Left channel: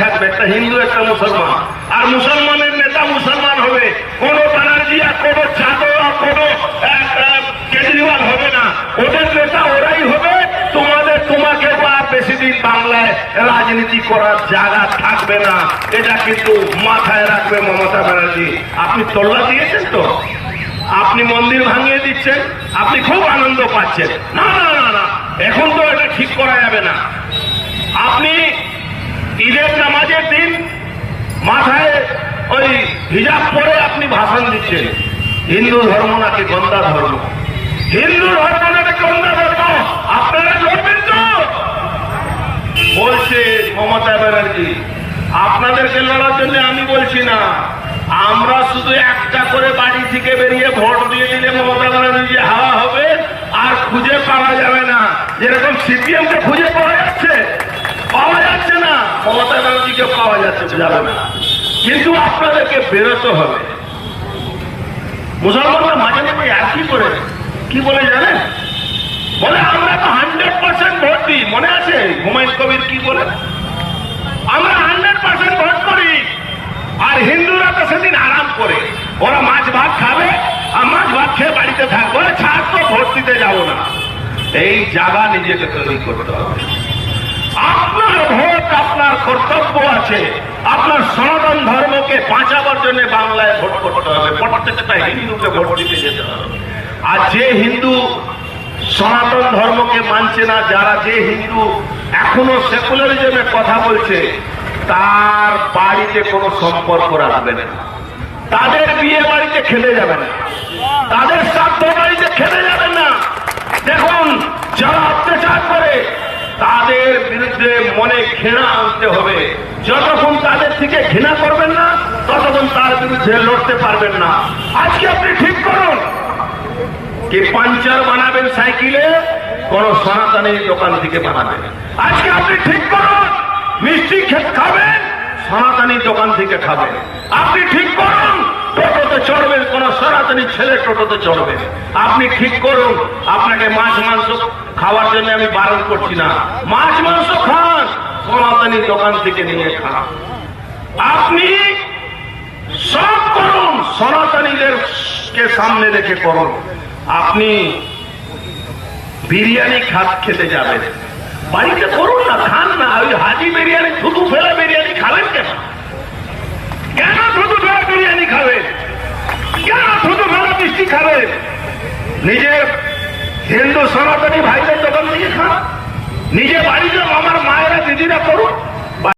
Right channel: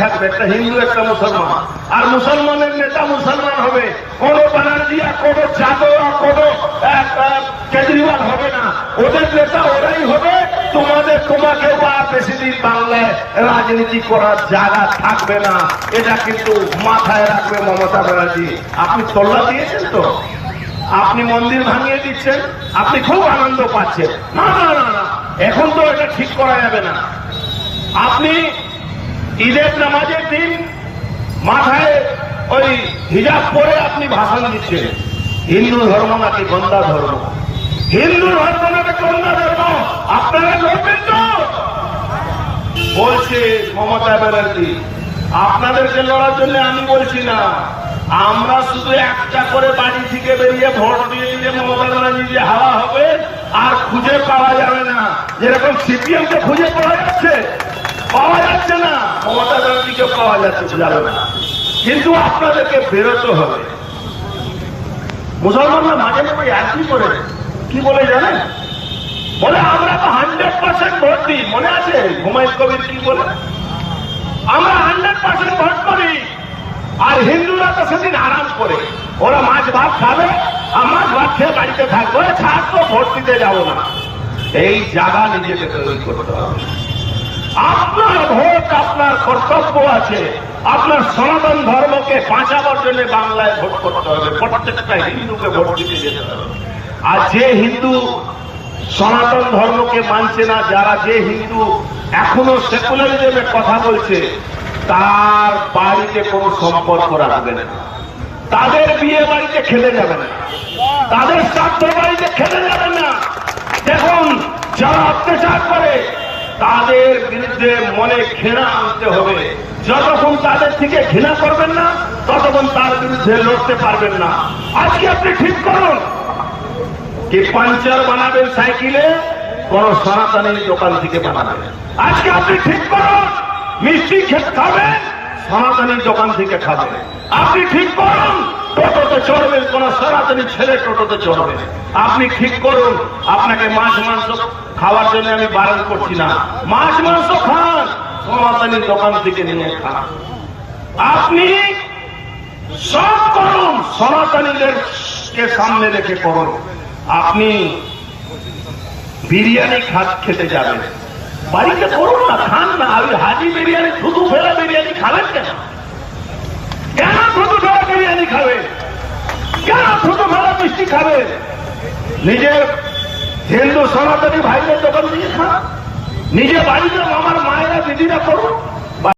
থাকবে, একটা হিন্দু একটা মুসলমান, আর মুসলমানের নেতা মুসলমান হবে, কোনো ব্যানার্জি আর কোনো যাদব আর কোনো কেজরিওয়াল হবে না, ওদের নেতা ওরাই হবে। তোমাকে আর বেশি দিন বাংলায় রাজনীতি করার জায়গা থাকবে না, এটা কিন্তু মাথায় রাখবে মমতা ব্যানার্জি। আপনি তোল্লা দিয়েছেন তো, আপনি মন্দির ভাঙিয়ে দিচ্ছেন, আপনি খুব আনন্দ পাচ্ছেন। না না না না, এখন তো এটা ঠিক করা যাবে না। আপনি ঈদের নামাজের দিন মাথায় ওই হিজাব পরে আপনি ভাষণ দিচ্ছেন। হিন্দু ধর্ম নাকি গন্দা ধর্ম? হিন্দু ধর্ম নাকি গন্দা ধর্ম? আপনারা লড়বেন তো? বলছে মমতা ব্যানার্জি, আপনাদেরকে লড়ার জন্য আমি বলছি না, আমরা শুধু একটা করে বাড়ি থেকে বেরিয়ে ভোট দিয়ে দিলে মমতা ব্যানার্জি হাওয়া হবে, আর খুঁজে পাওয়া যাবে না। যেরকম সিপিএম কে খুঁজে পাওয়া যাচ্ছে না, মমতা ব্যানার্জিকে পাওয়া যাচ্ছে যাবে না। কিন্তু আপনাদেরকে বেরোতে হবে। মুসলমানরা মাঝে মাঝে একই করে কি বলে জানেন? বলে আমরা তো 100% ভোট দিই। মনে আছে হুমায়ুন কবির কি বলে? আমরা 100% ভোট করি, আর হিন্দুরা তো সেদিন আরাম করে, ওরা মাছ ভাত খাবে, আর মাছ ভাত খেয়ে বাড়িতে থাকবে, ছাড় তো ভোট দিতে যাবো না। এই জায়গা নিজেকে তৈরি করতে হবে। আপনার ভোট আপনার কর্তব্য আছে। আপনার সনাতন ধর্মকে বাঁচাবার জন্য বাংলায় ভোট করতে হবে, প্রত্যেকটা হিন্দুকে ভোট দিতে যেতে হবে। আর যে হিন্দু সনাতন ধর্মকে মানছে না, যারা যে হিন্দু এখনো সেকুলারিজমের কথা বলছে, তার বাড়িতে কোনো সম্পর্ক রাখবে না, তাদের বিয়ে বাড়িতে খেলে যাবে না, তাদের শ্রাদ্ধ বাড়িতে খেলে যাবে না। দেখুন, যারা অত্যাচার করে তাদের বিরুদ্ধে মনে ঘৃণা আনতে হবে। যতক্ষণ তাদের থেকে ঘৃণা করবেন না, ততক্ষণ তার বিরুদ্ধে লড়তে পারবেন না। আজকে আপনি ঠিক করুন কি পাঞ্চার বানাবেন সাইকেলে, কোন সনাতনী দোকান থেকে বানাবেন। আজকে আপনি ঠিক করুন মিষ্টি খাবেন, সনাতনী দোকান থেকে খাবেন। আপনি ঠিক করুন টোটোতে চড়বেন, কোন সনাতনী ছেলে টোটোতে চড়বেন। আপনি ঠিক করুন আপনাকে মাছ মাংস খাওয়ার জন্য আমি বারণ করছি না, মাছ মাংস খান, সনাতনী দোকান থেকে নিয়ে খান। আপনি সব করুন, সনাতনীদেরকে সামনে রেখে করুন। আপনি বিরিয়ানি খেতে যাবেন, বাড়িতে করুন না, খান না। ওই হাজি বিরিয়ানি, থুতু ফেলা বিরিয়ানি খাবেন কেন? কেন থুতু ফেলা বিরিয়ানি খাবেন? কেন থুতু ফেলা মিষ্টি খাবেন? নিজের হিন্দু সনাতনী ভাইদের দোকান থেকে খান, নিজের বাড়িতে আমার মায়েরা দিদিরা করুন।